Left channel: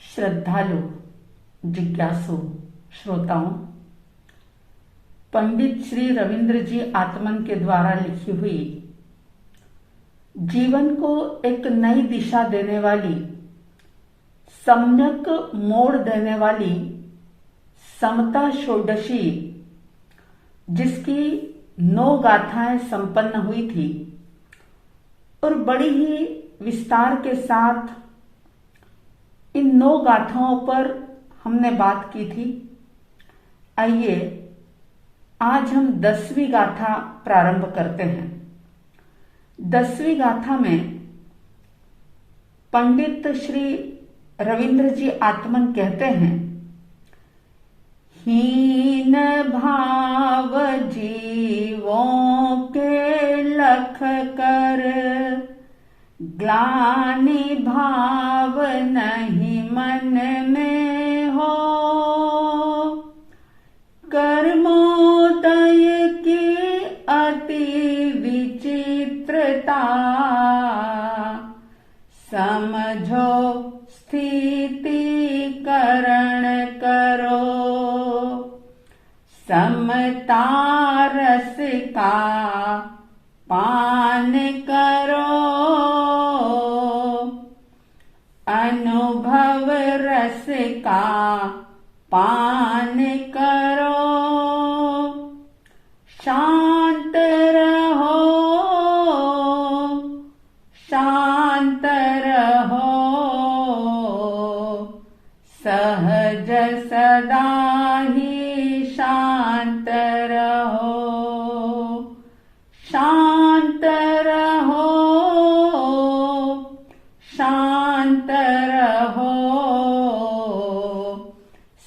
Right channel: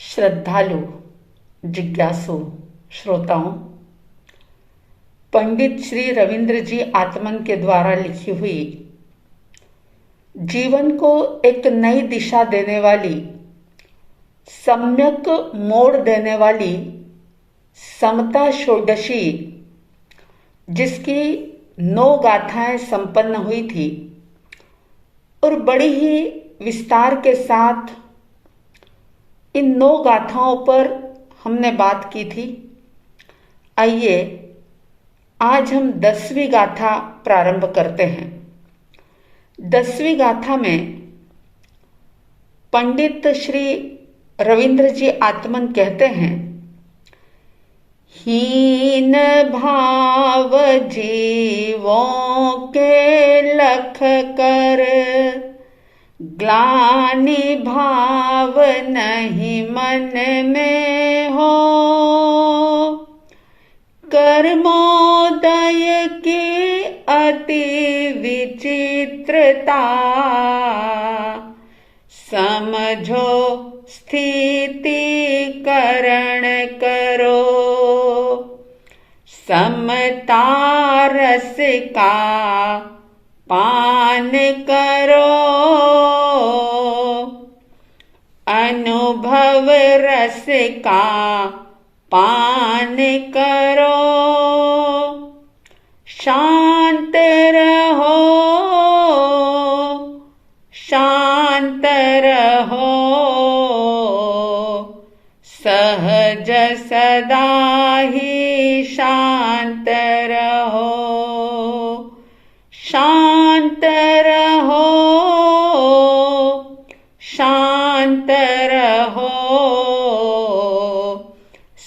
श्रद्धालु, जिज्ञासु श्रोताओं, पंडित श्री रविंद्र जी आत्मन के द्वारा लिखी हुई जीवन को एक नई दिशा देने वाली, सम्यक मोड़ देने वाली समता षोडशी, जिसकी 9 गाथाएं संपन्न हुई थी और बड़ी ही विस्तार के साथ इन 9 गाथाओं पर हमने बात की थी। आइए आज हम 10वीं गाथा प्रारंभ करते हैं। 10वीं गाथा में पंडित श्री रविंद्र जी आत्मन कहते हैं, हीन भाव जीवों के लख कर, ग्लानि भाव नहीं मन में हो, कर्मोदय की अति विचित्रता, समझो स्थिति करण करो, समता रस का पान करो, अनुभव रस का पान करो, शांत रहो, शांत रहो, सहज सदा ही शांत रहो, शांत रहो, शांत रहो,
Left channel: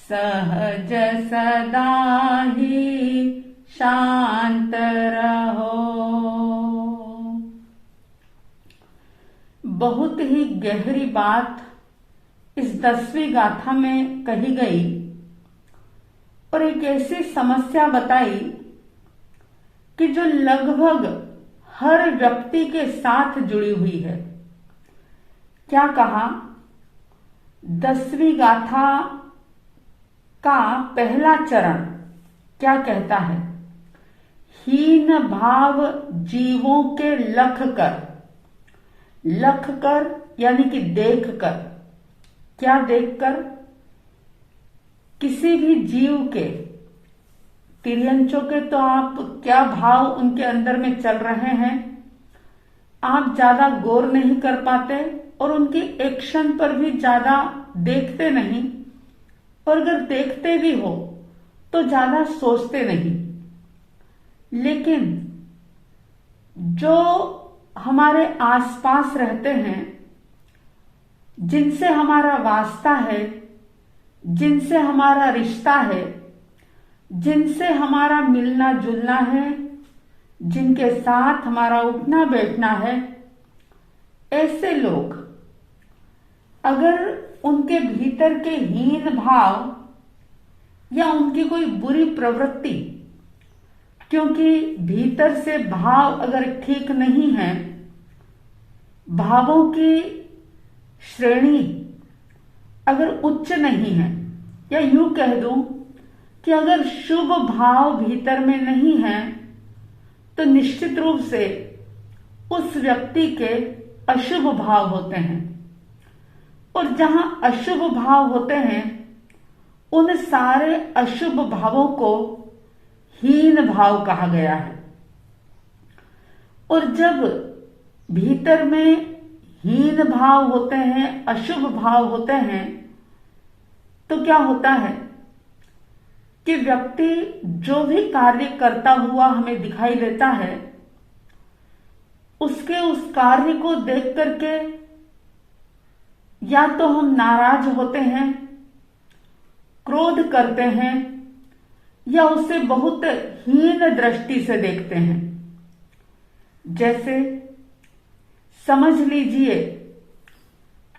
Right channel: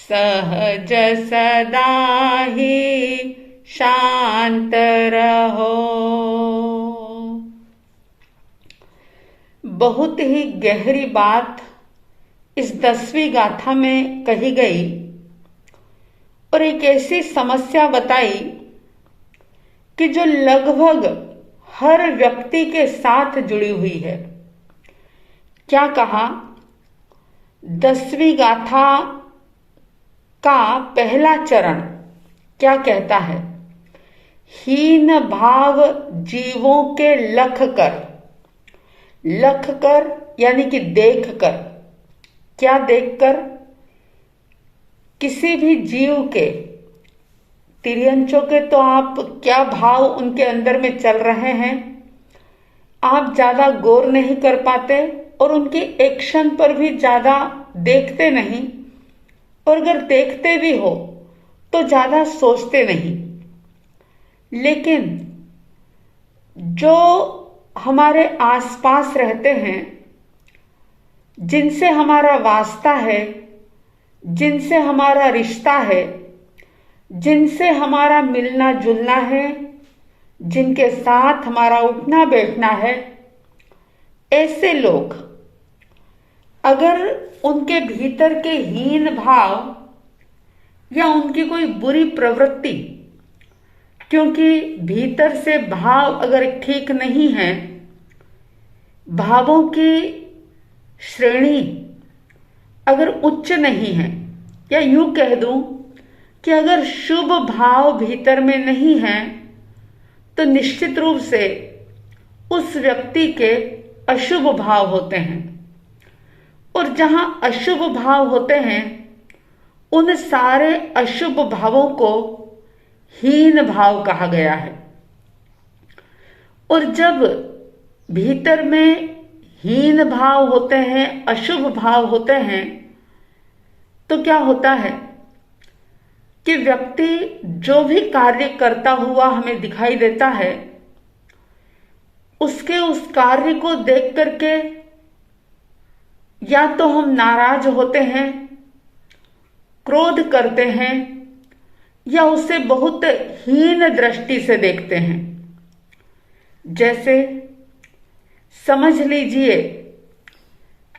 सहज सदा ही शांत रहो। बहुत ही गहरी बात इस 10वीं गाथा में कही गई और एक ऐसी समस्या बताई कि जो लगभग हर व्यक्ति के साथ जुड़ी हुई है। क्या कहा? 10वीं गाथा का पहला चरण क्या कहता है? हीन भाव जीवों के लख कर। लख कर यानी कि देख कर। क्या देखकर? किसी भी जीव के, तिर्यंचों के तो आप क्या भाव उनके अंदर में चल रहे हैं आप ज्यादा गौर नहीं कर पाते और उनकी एक्शन पर भी ज्यादा देखते नहीं, और अगर देखते भी हो तो ज्यादा सोचते नहीं। लेकिन जो हमारे आसपास रहते हैं, जिनसे हमारा वास्ता है, जिनसे हमारा रिश्ता है, जिनसे हमारा मिलना जुलना है, जिनके साथ हमारा उठना बैठना है, ऐसे लोग अगर उनके भीतर के हीन भाव या उनकी कोई बुरी प्रवृत्ति, क्योंकि भीतर से भाव अगर ठीक नहीं है, भावों की श्रेणी अगर उच्च नहीं है, या यूं कह दूं कि अगर शुभ भाव भीतर में नहीं है, तो निश्चित रूप से उस व्यक्ति के अशुभ भाव होते हैं। और जहां अशुभ भाव होते हैं, उन सारे अशुभ भावों को हीन भाव कहा गया है। और जब भीतर में हीन भाव होते हैं, अशुभ भाव होते हैं, तो क्या होता है कि व्यक्ति जो भी कार्य करता हुआ हमें दिखाई देता है, उसके उस कार्य को देख करके या तो हम नाराज होते हैं, क्रोध करते हैं, या उसे बहुत हीन दृष्टि से देखते हैं। जैसे समझ लीजिए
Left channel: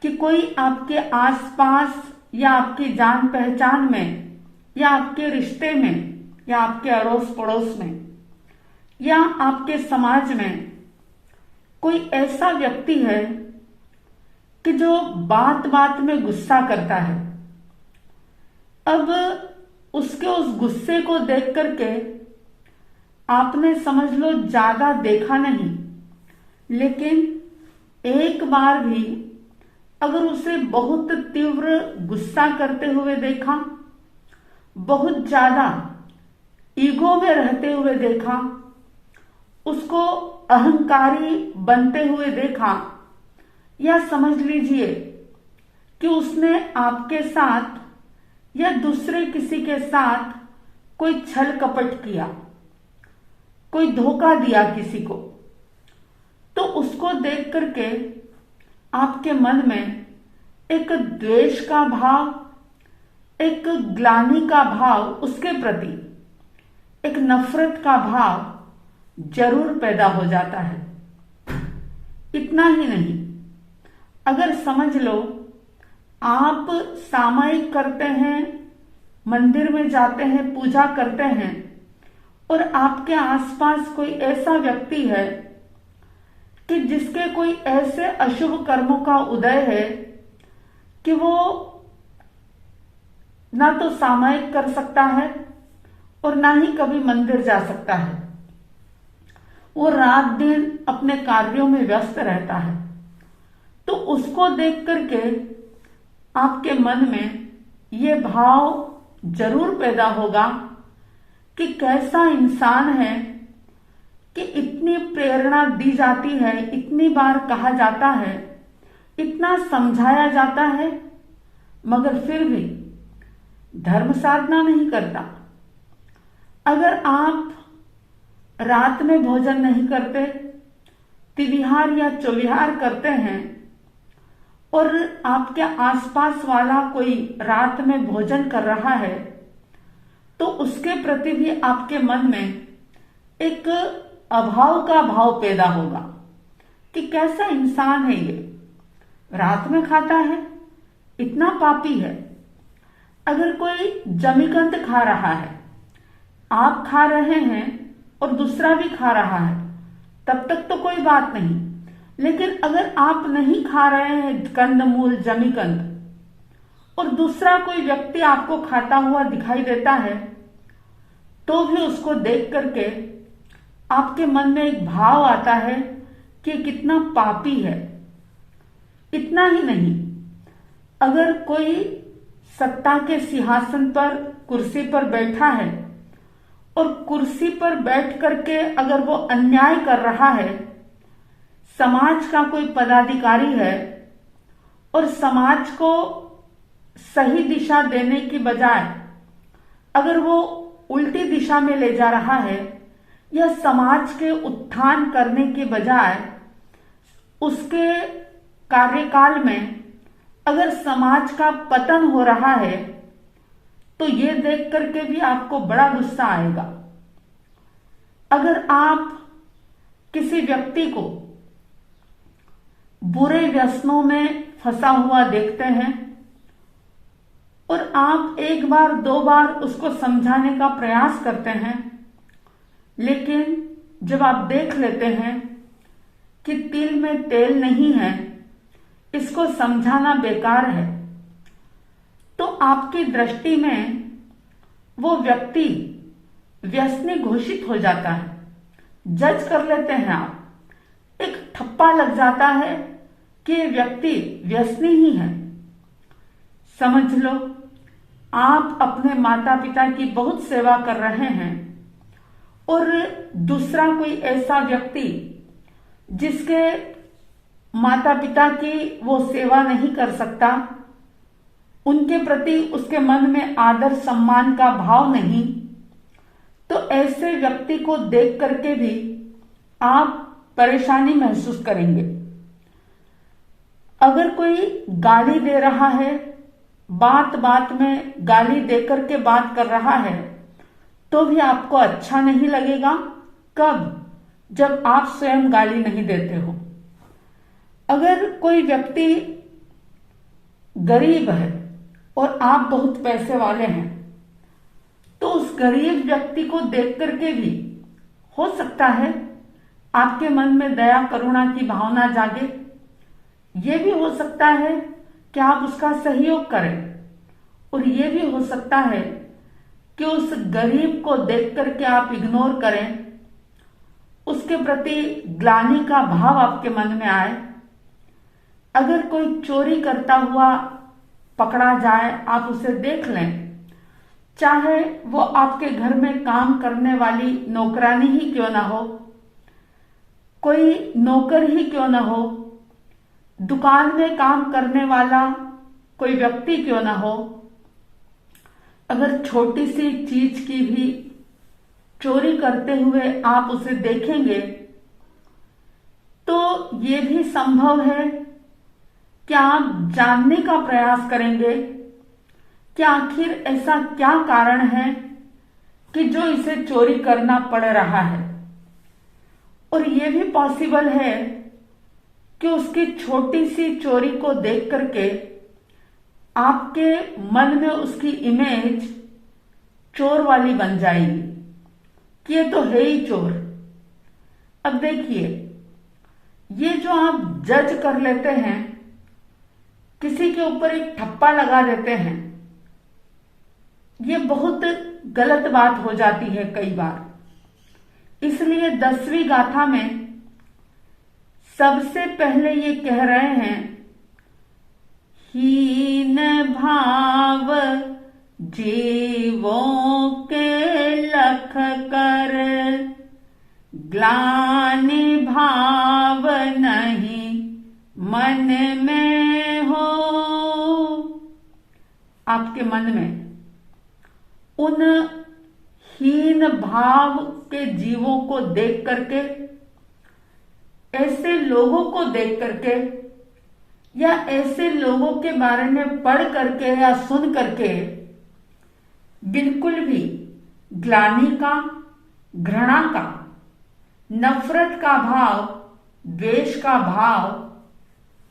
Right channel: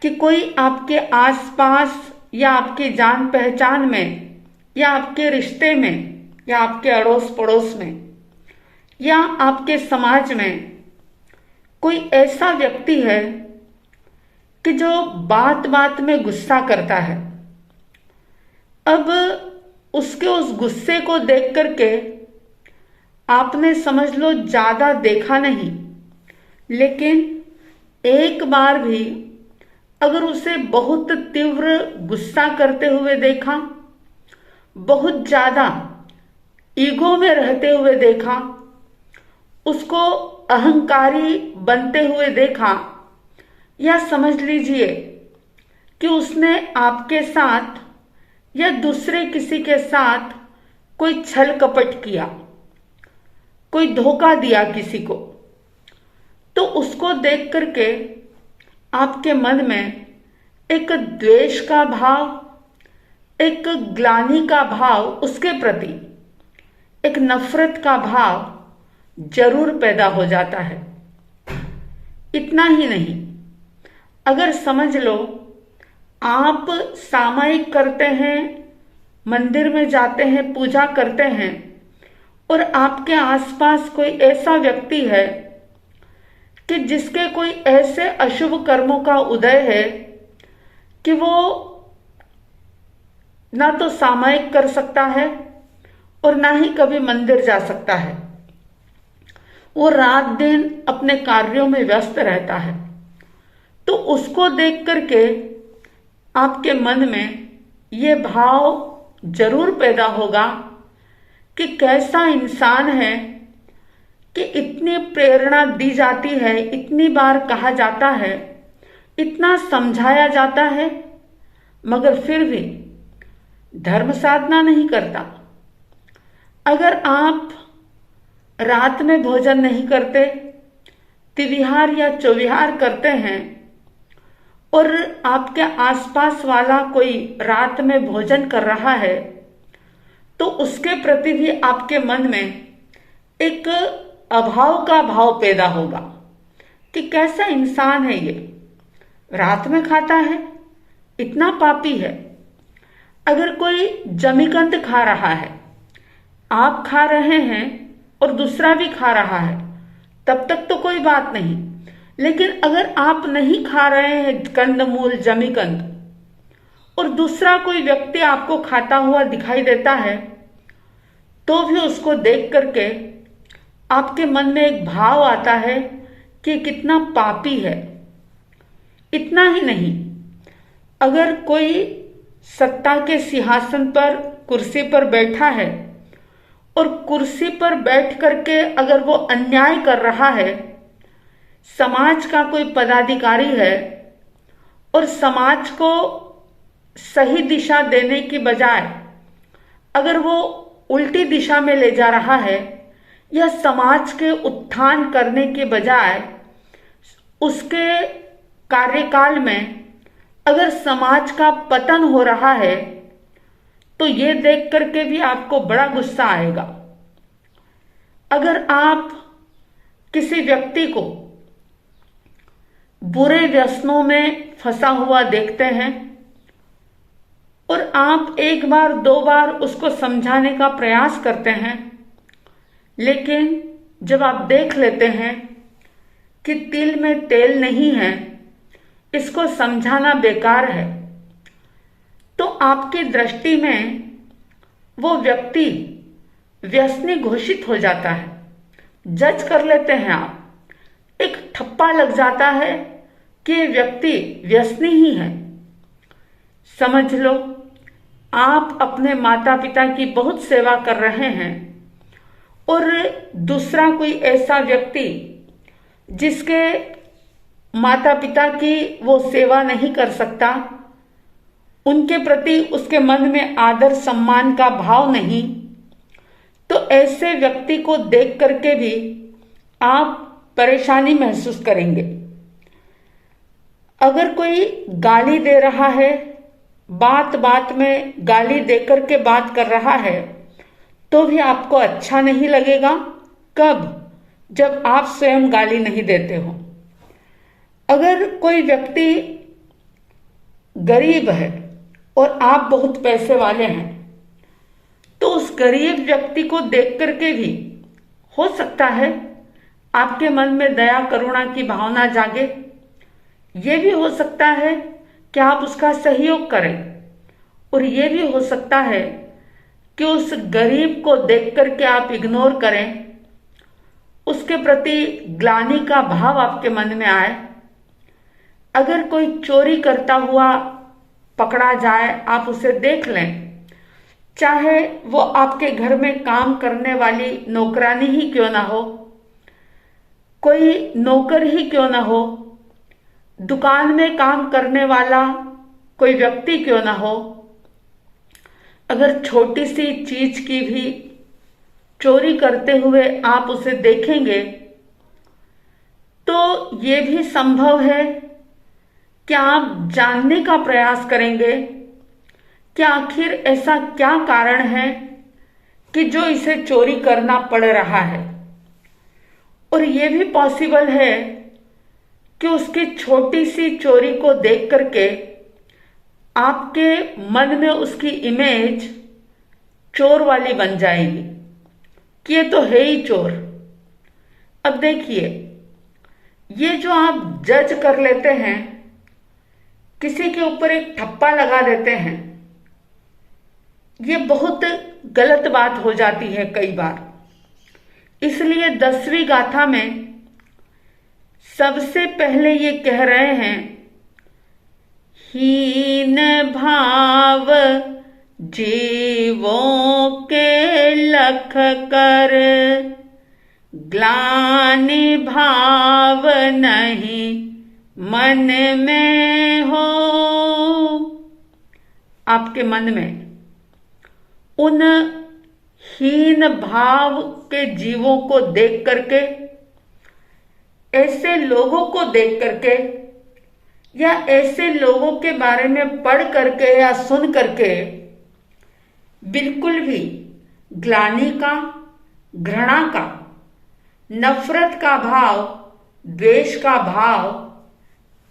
कि कोई आपके आसपास या आपकी जान पहचान में या आपके रिश्ते में या आपके अड़ोस पड़ोस में या आपके समाज में कोई ऐसा व्यक्ति है कि जो बात बात में गुस्सा करता है, अब उसके उस गुस्से को देख करके आपने समझ लो ज्यादा देखा नहीं, लेकिन एक बार भी अगर उसे बहुत तीव्र गुस्सा करते हुए देखा, बहुत ज्यादा ईगो में रहते हुए देखा, उसको अहंकारी बनते हुए देखा, या समझ लीजिए कि उसने आपके साथ या दूसरे किसी के साथ कोई छल कपट किया, कोई धोखा दिया किसी को, तो उसको देख करके आपके मन में एक द्वेष का भाव, एक ग्लानि का भाव उसके प्रति, एक नफरत का भाव जरूर पैदा हो जाता है। इतना ही नहीं, अगर समझ लो आप सामायिक करते हैं, मंदिर में जाते हैं, पूजा करते हैं, और आपके आसपास कोई ऐसा व्यक्ति है कि जिसके कोई ऐसे अशुभ कर्मों का उदय है कि वो ना तो सामायिक कर सकता है और ना ही कभी मंदिर जा सकता है, वो रात दिन अपने कार्यों में व्यस्त रहता है, तो उसको देख करके आपके मन में ये भाव जरूर पैदा होगा कि कैसा इंसान है कि इतनी प्रेरणा दी जाती है, इतनी बार कहा जाता है, इतना समझाया जाता है, मगर फिर भी धर्म साधना नहीं करता। अगर आप रात में भोजन नहीं करते, तिविहार या चौविहार करते हैं, और आपके आसपास वाला कोई रात में भोजन कर रहा है, तो उसके प्रति भी आपके मन में एक अभाव का भाव पैदा होगा कि कैसा इंसान है ये, रात में खाता है, इतना पापी है। अगर कोई जमीकंद खा रहा है, आप खा रहे हैं और दूसरा भी खा रहा है, तब तक तो कोई बात नहीं, लेकिन अगर आप नहीं खा रहे हैं कंदमूल, जमीकंद, और दूसरा कोई व्यक्ति आपको खाता हुआ दिखाई देता है, तो भी उसको देख करके आपके मन में एक भाव आता है कि कितना पापी है। इतना ही नहीं, अगर कोई सत्ता के सिंहासन पर, कुर्सी पर बैठा है, और कुर्सी पर बैठ करके अगर वो अन्याय कर रहा है, समाज का कोई पदाधिकारी है, और समाज को सही दिशा देने की बजाय अगर वो उल्टी दिशा में ले जा रहा है, या समाज के उत्थान करने के बजाय उसके कार्यकाल में अगर समाज का पतन हो रहा है, तो ये देख करके भी आपको बड़ा गुस्सा आएगा। अगर आप किसी व्यक्ति को बुरे व्यसनों में फंसा हुआ देखते हैं, और आप एक बार दो बार उसको समझाने का प्रयास करते हैं, लेकिन जब आप देख लेते हैं कि तिल में तेल नहीं है, इसको समझाना बेकार है, तो आपकी दृष्टि में वो व्यक्ति व्यसनी घोषित हो जाता है, जज कर लेते हैं आप, एक ठप्पा लग जाता है कि व्यक्ति व्यसनी ही है। समझ लो आप अपने माता पिता की बहुत सेवा कर रहे हैं, और दूसरा कोई ऐसा व्यक्ति जिसके माता पिता की वो सेवा नहीं कर सकता, उनके प्रति उसके मन में आदर सम्मान का भाव नहीं, तो ऐसे व्यक्ति को देख करके भी आप परेशानी महसूस करेंगे। अगर कोई गाली दे रहा है, बात बात में गाली देकर के बात कर रहा है, तो भी आपको अच्छा नहीं लगेगा। कब? जब आप स्वयं गाली नहीं देते हो। अगर कोई व्यक्ति गरीब है और आप बहुत पैसे वाले हैं, तो उस गरीब व्यक्ति को देख करके भी हो सकता है आपके मन में दया करुणा की भावना जागे, ये भी हो सकता है कि आप उसका सहयोग करें, और ये भी हो सकता है कि उस गरीब को देख करके आप इग्नोर करें, उसके प्रति ग्लानि का भाव आपके मन में आए। अगर कोई चोरी करता हुआ पकड़ा जाए, आप उसे देख लें, चाहे वो आपके घर में काम करने वाली नौकरानी ही क्यों ना हो, कोई नौकर ही क्यों ना हो, दुकान में काम करने वाला कोई व्यक्ति क्यों ना हो, अगर छोटी सी चीज की भी चोरी करते हुए आप उसे देखेंगे, तो ये भी संभव है कि आप जानने का प्रयास करेंगे कि आखिर ऐसा क्या कारण है कि जो इसे चोरी करना पड़ रहा है। और ये भी पॉसिबल है कि उसकी छोटी सी चोरी को देख करके आपके मन में उसकी इमेज चोर वाली बन जाएगी कि ये तो है ही चोर। अब देखिए, ये जो आप जज कर लेते हैं, किसी के ऊपर एक ठप्पा लगा देते हैं, ये बहुत गलत बात हो जाती है कई बार। इसलिए 10वीं गाथा में सबसे पहले ये कह रहे हैं, हीन भाव जीवों के लख कर, ग्लानि भाव नहीं मन में हो। आपके मन में उन हीन भाव के जीवों को देख करके, ऐसे लोगों को देख करके, या ऐसे लोगों के बारे में पढ़ करके या सुन करके बिल्कुल भी ग्लानि का, घृणा का, नफरत का भाव, द्वेष का भाव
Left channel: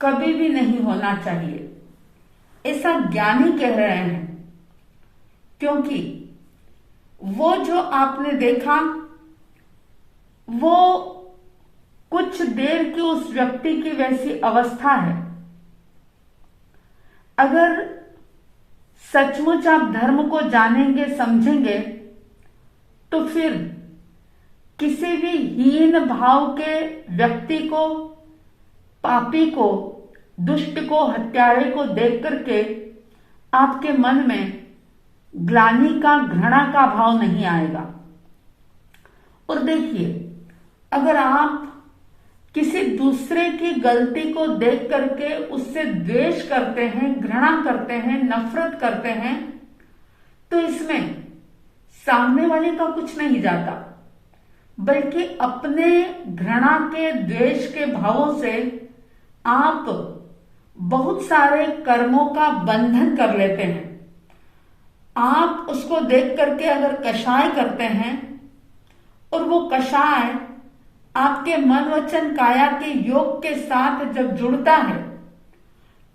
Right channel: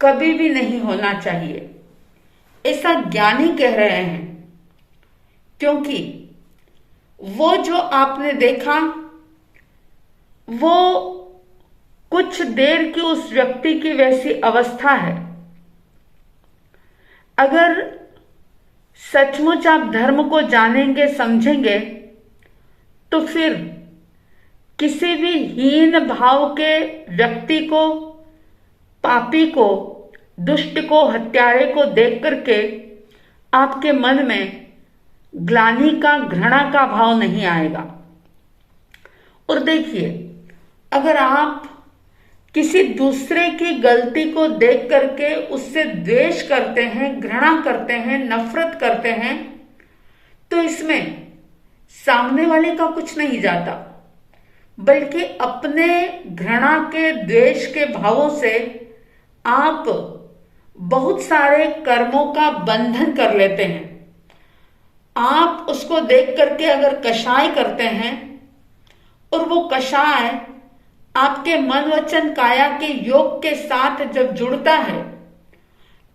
कभी भी नहीं होना चाहिए, ऐसा ज्ञानी कह रहे हैं। क्योंकि वो जो आपने देखा, वो कुछ देर की उस व्यक्ति की वैसी अवस्था है। अगर सचमुच आप धर्म को जानेंगे, समझेंगे, तो फिर किसी भी हीन भाव के व्यक्ति को, पापी को, दुष्ट को, हत्यारे को देख करके आपके मन में ग्लानि का, घृणा का भाव नहीं आएगा। और देखिए, अगर आप किसी दूसरे की गलती को देख करके उससे द्वेष करते हैं, घृणा करते हैं, नफरत करते हैं, तो इसमें सामने वाले का कुछ नहीं जाता, बल्कि अपने घृणा के, द्वेष के भावों से आप बहुत सारे कर्मों का बंधन कर लेते हैं। आप उसको देख करके अगर कषाय करते हैं, और वो कषाय आपके मन, वचन, काया के योग के साथ जब जुड़ता है,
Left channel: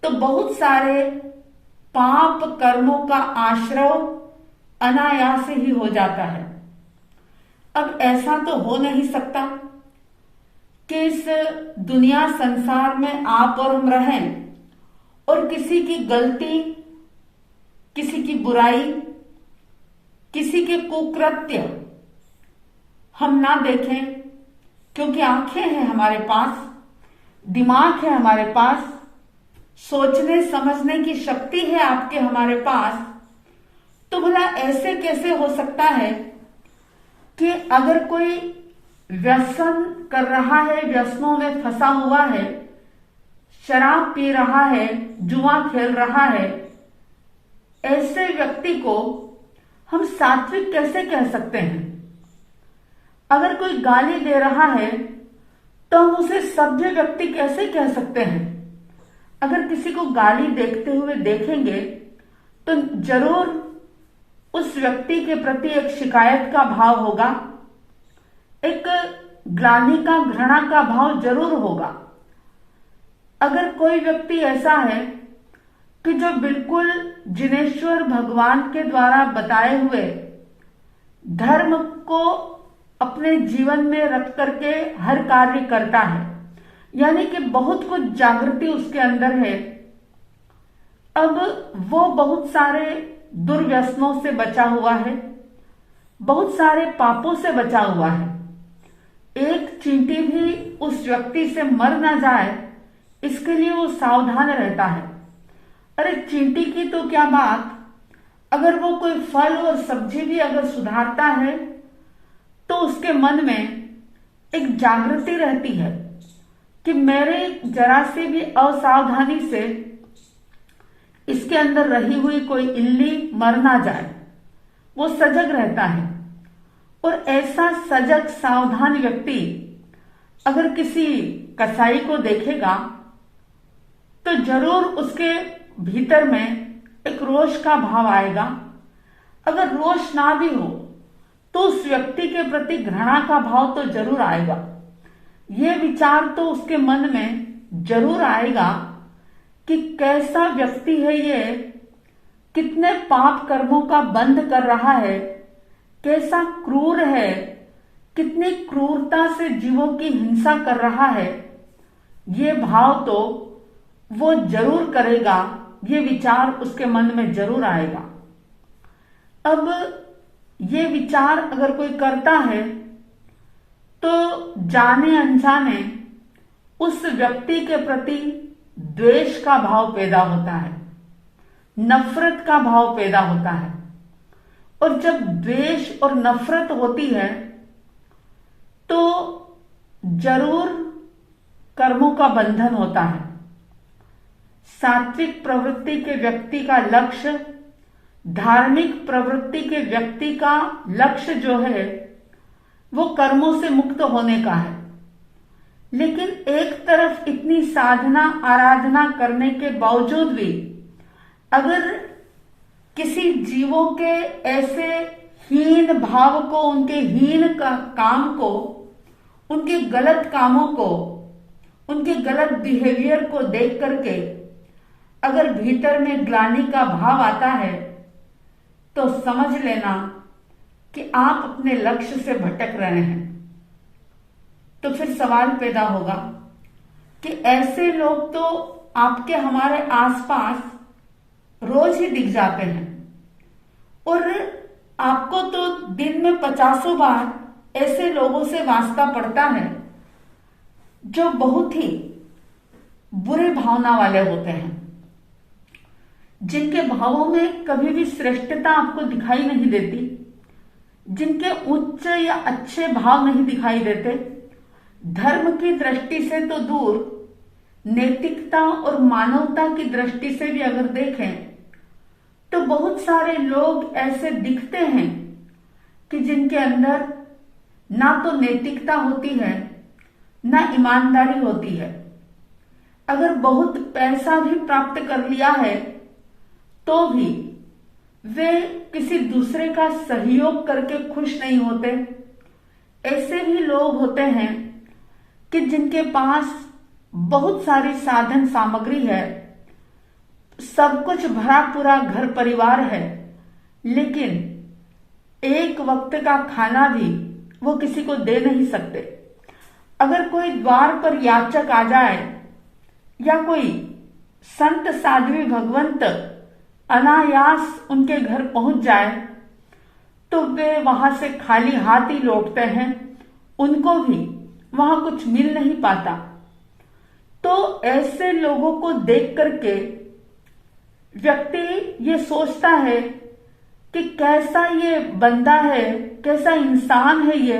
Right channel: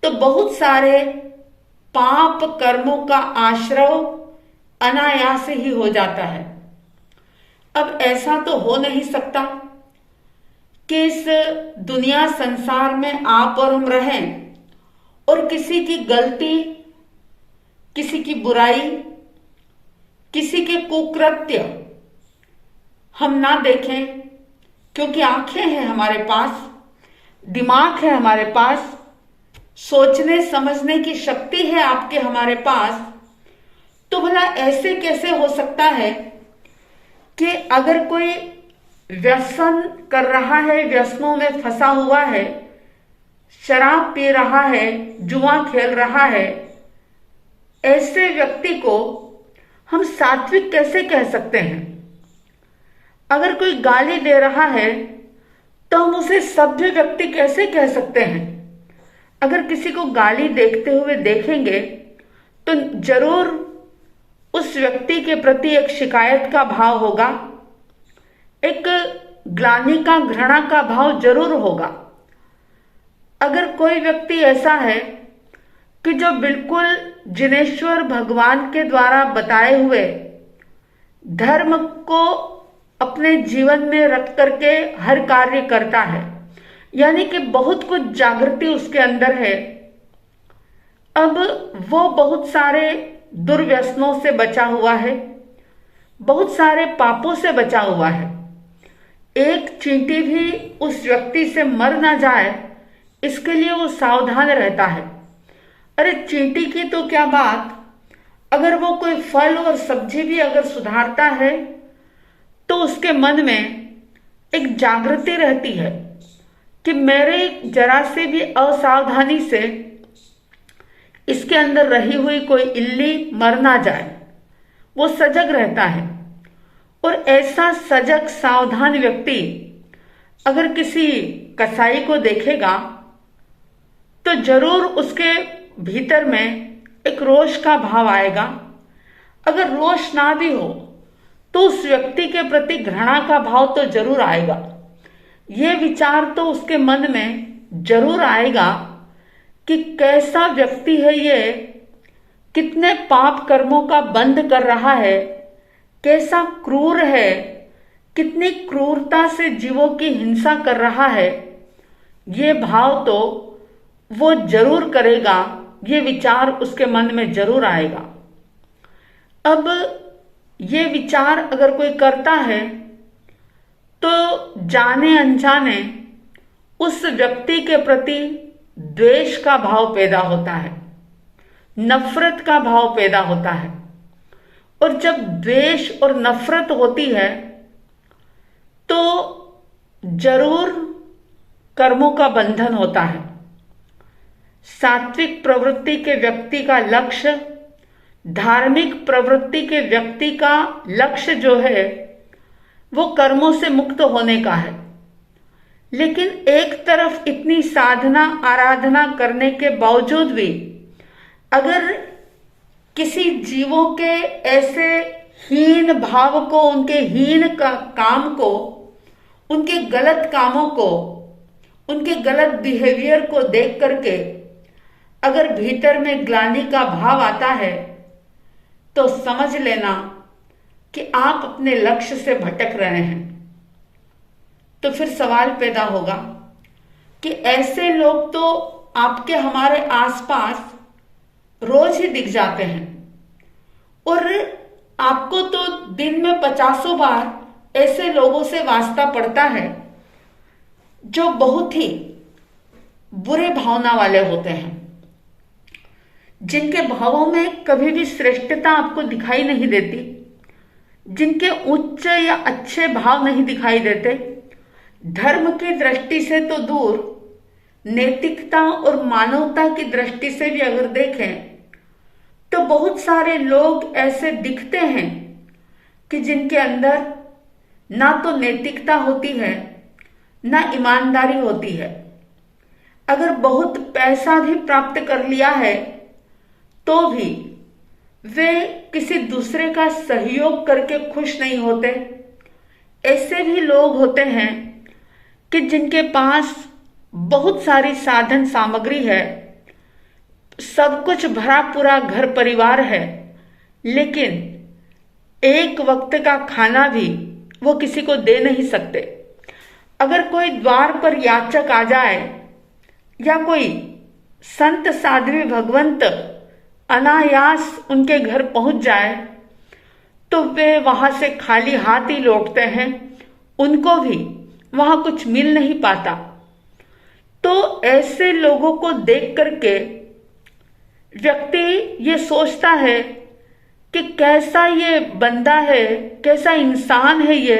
तो बहुत सारे पाप कर्मों का आश्रय अनायास ही हो जाता है। अब ऐसा तो हो नहीं सकता कि इस दुनिया संसार में आप और हम रहें और किसी की गलती, किसी की बुराई, किसी के कुकृत्य हम ना देखें, क्योंकि आंखें हैं हमारे पास, दिमाग है हमारे पास, सोचने समझने की शक्ति है आपके हमारे पास। तो भला ऐसे कैसे हो सकता है कि अगर कोई व्यसन कर रहा है, व्यसनों में फंसा हुआ है, शराब पी रहा है, जुआ खेल रहा है, ऐसे व्यक्ति को हम सात्विक कैसे कह सकते हैं? अगर कोई गाली दे रहा है तो हम उसे सभ्य व्यक्ति कैसे कह सकते हैं? अगर किसी को गाली देखते हुए देखेंगे तो जरूर उस व्यक्ति के प्रति एक शिकायत का भाव होगा, एक ग्लानि का, घृणा का भाव जरूर होगा। अगर कोई व्यक्ति ऐसा है कि जो बिल्कुल जिनेश्वर भगवान के द्वारा बताए हुए धर्म को अपने जीवन में रख करके हर कार्य करता है, यानी कि बहुत कुछ जागृति उसके अंदर है। अब वो बहुत सारे दुर्व्यसनों से बचा हुआ है, बहुत सारे पापों से बचा हुआ है। एक चींटी भी उस व्यक्ति से मर ना जाए इसके लिए वो सावधान रहता है। अरे चींटी की तो क्या बात, अगर वो कोई फल और सब्जी भी अगर सुधारता है तो उसके मन में एक जागृति रहती है कि मेरे जरा से भी असावधानी से इसके अंदर रही हुई कोई इल्ली मर ना जाए। वो सजग रहता है। और ऐसा सजग सावधान व्यक्ति अगर किसी कसाई को देखेगा तो जरूर उसके भीतर में एक रोष का भाव आएगा। अगर रोष ना भी हो तो उस व्यक्ति के प्रति घृणा का भाव तो जरूर आएगा। ये विचार तो उसके मन में जरूर आएगा कि कैसा व्यक्ति है ये, कितने पाप कर्मों का बंध कर रहा है, कैसा क्रूर है, कितनी क्रूरता से जीवों की हिंसा कर रहा है। ये भाव तो वो जरूर करेगा, ये विचार उसके मन में जरूर आएगा। अब ये विचार अगर कोई करता है तो जाने अनजाने उस व्यक्ति के प्रति द्वेष का भाव पैदा होता है, नफरत का भाव पैदा होता है। और जब द्वेष और नफरत होती है तो जरूर कर्मों का बंधन होता है। सात्विक प्रवृत्ति के व्यक्ति का लक्ष्य, धार्मिक प्रवृत्ति के व्यक्ति का लक्ष्य जो है वो कर्मों से मुक्त होने का है। लेकिन एक तरफ इतनी साधना आराधना करने के बावजूद भी अगर किसी जीवों के ऐसे हीन भाव को, उनके हीन काम को, उनके गलत कामों को, उनके गलत बिहेवियर को देख करके अगर भीतर में ग्लानि का भाव आता है तो समझ लेना कि आप अपने लक्ष्य से भटक रहे हैं। तो फिर सवाल पैदा होगा कि ऐसे लोग तो आपके हमारे आसपास रोज ही दिख जाते हैं और आपको तो दिन में 50 बार ऐसे लोगों से वास्ता पड़ता है जो बहुत ही बुरे भावना वाले होते हैं, जिनके भावों में कभी भी श्रेष्ठता आपको दिखाई नहीं देती, जिनके उच्च या अच्छे भाव नहीं दिखाई देते। धर्म की दृष्टि से तो दूर, नैतिकता और मानवता की दृष्टि से भी अगर देखें तो बहुत सारे लोग ऐसे दिखते हैं कि जिनके अंदर ना तो नैतिकता होती है ना ईमानदारी होती है। अगर बहुत पैसा भी प्राप्त कर लिया है तो भी वे किसी दूसरे का सहयोग करके खुश नहीं होते। ऐसे भी लोग होते हैं कि जिनके पास बहुत सारी साधन सामग्री है, सब कुछ भरा पूरा घर परिवार है, लेकिन एक वक्त का खाना भी वो किसी को दे नहीं सकते। अगर कोई द्वार पर याचक आ जाए या कोई संत साध्वी भगवंत अनायास उनके घर पहुंच जाए तो वे वहां से खाली हाथ ही लौटते हैं, उनको भी वहां कुछ मिल नहीं पाता। तो ऐसे लोगों को देख करके व्यक्ति ये सोचता है कि कैसा ये बंदा है, कैसा इंसान है ये,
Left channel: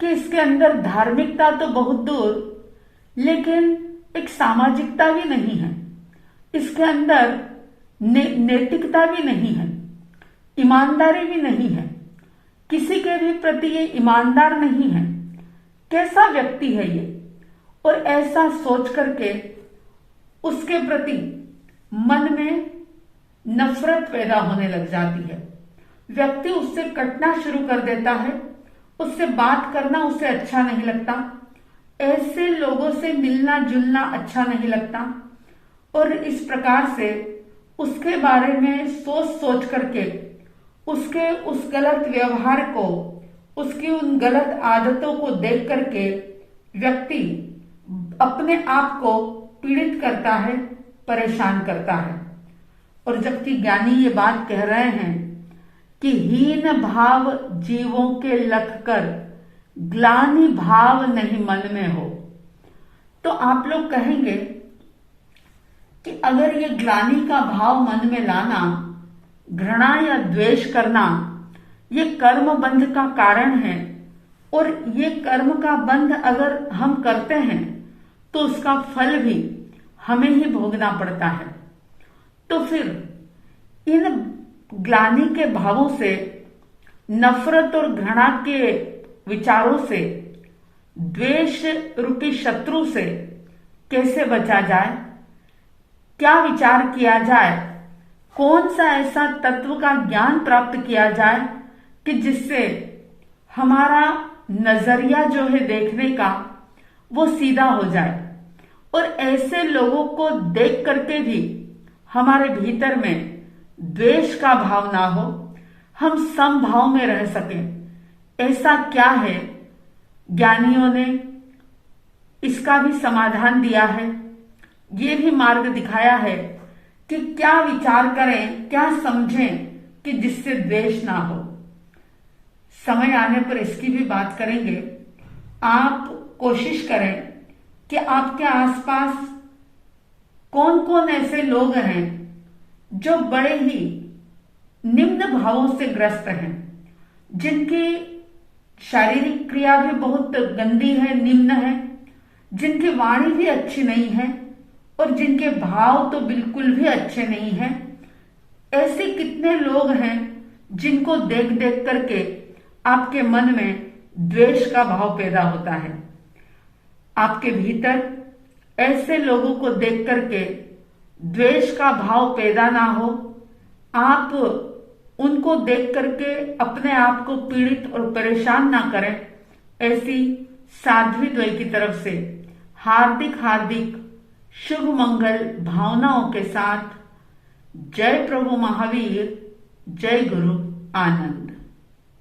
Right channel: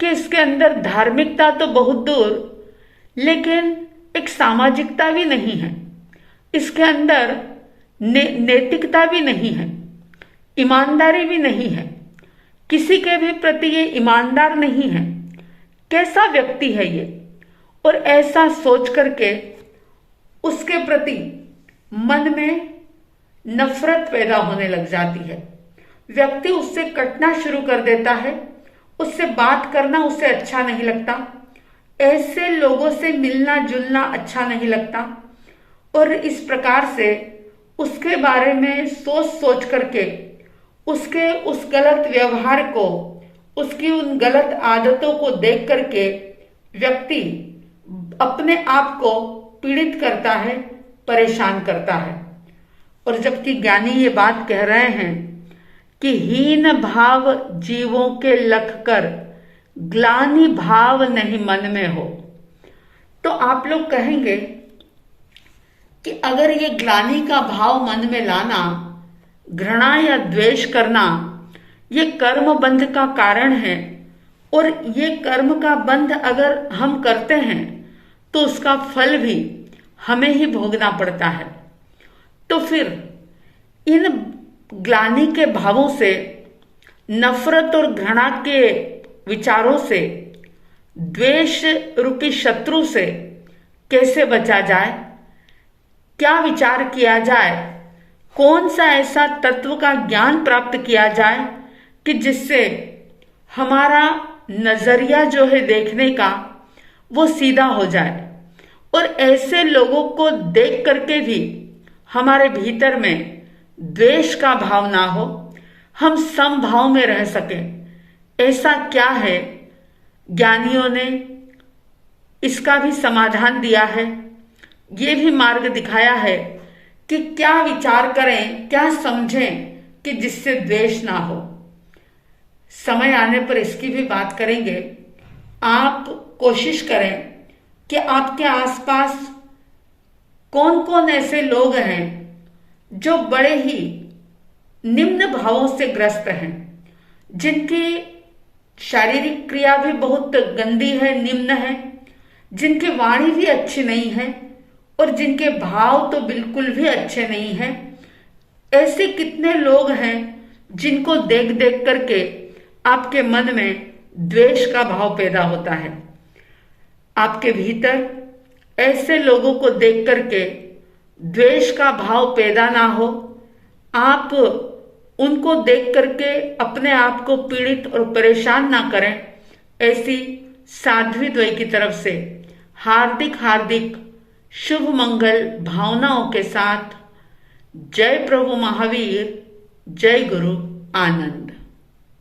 कि इसके अंदर धार्मिकता तो बहुत दूर, लेकिन एक सामाजिकता भी नहीं है, इसके अंदर नैतिकता भी नहीं है, ईमानदारी भी नहीं है, किसी के भी प्रति ये ईमानदार नहीं है। कैसा व्यक्ति है ये? और ऐसा सोच करके उसके प्रति मन में नफरत पैदा होने लग जाती है। व्यक्ति उससे कटना शुरू कर देता है, उससे बात करना उसे अच्छा नहीं लगता, ऐसे लोगों से मिलना जुलना अच्छा नहीं लगता। और इस प्रकार से उसके बारे में सोच सोच करके उसके उस गलत व्यवहार को, उसकी उन गलत आदतों को देख करके व्यक्ति अपने आप को पीड़ित करता है, परेशान करता है। और जबकि ज्ञानी ये बात कह रहे हैं कि हीन भाव जीवों के लख कर ग्लानि भाव नहीं मन में हो, तो आप लोग कहेंगे कि अगर ये ग्लानि का भाव मन में लाना, घृणा या द्वेष करना, ये कर्म बंध का कारण है, और ये कर्म का बंध अगर हम करते हैं तो उसका फल भी हमें ही भोगना पड़ता है। तो फिर इन ग्लानि के भावों से, नफरत और घृणा के विचारों से, द्वेष रूपी शत्रु से कैसे बचा जाए? क्या विचार किया जाए? कौन सा ऐसा तत्व का ज्ञान प्राप्त किया जाए कि जिससे हमारा नजरिया जो है देखने का वो सीधा हो जाए, और ऐसे लोगों को देख करके भी हमारे भीतर में द्वेष का भाव ना हो, हम समभाव में रह सकें। ऐसा क्या है? ज्ञानियों ने इसका भी समाधान दिया है, ये भी मार्ग दिखाया है कि क्या विचार करें, क्या समझें कि जिससे द्वेष ना हो। समय आने पर इसकी भी बात करेंगे। आप कोशिश करें कि आपके आसपास कौन कौन ऐसे लोग हैं जो बड़े ही निम्न भावों से ग्रस्त हैं, जिनकी शारीरिक क्रिया भी बहुत गंदी है, निम्न है, जिनकी वाणी भी अच्छी नहीं है और जिनके भाव तो बिल्कुल भी अच्छे नहीं हैं। ऐसे कितने लोग हैं जिनको देख देख करके आपके मन में द्वेष का भाव पैदा होता है। आपके भीतर ऐसे लोगों को देख करके द्वेष का भाव पैदा ना हो, आप उनको देख करके अपने आप को पीड़ित और परेशान ना करें। ऐसी साध्वी द्वय की तरफ से हार्दिक हार्दिक शुभ मंगल भावनाओं के साथ जय प्रभु महावीर, जय गुरु आनंद।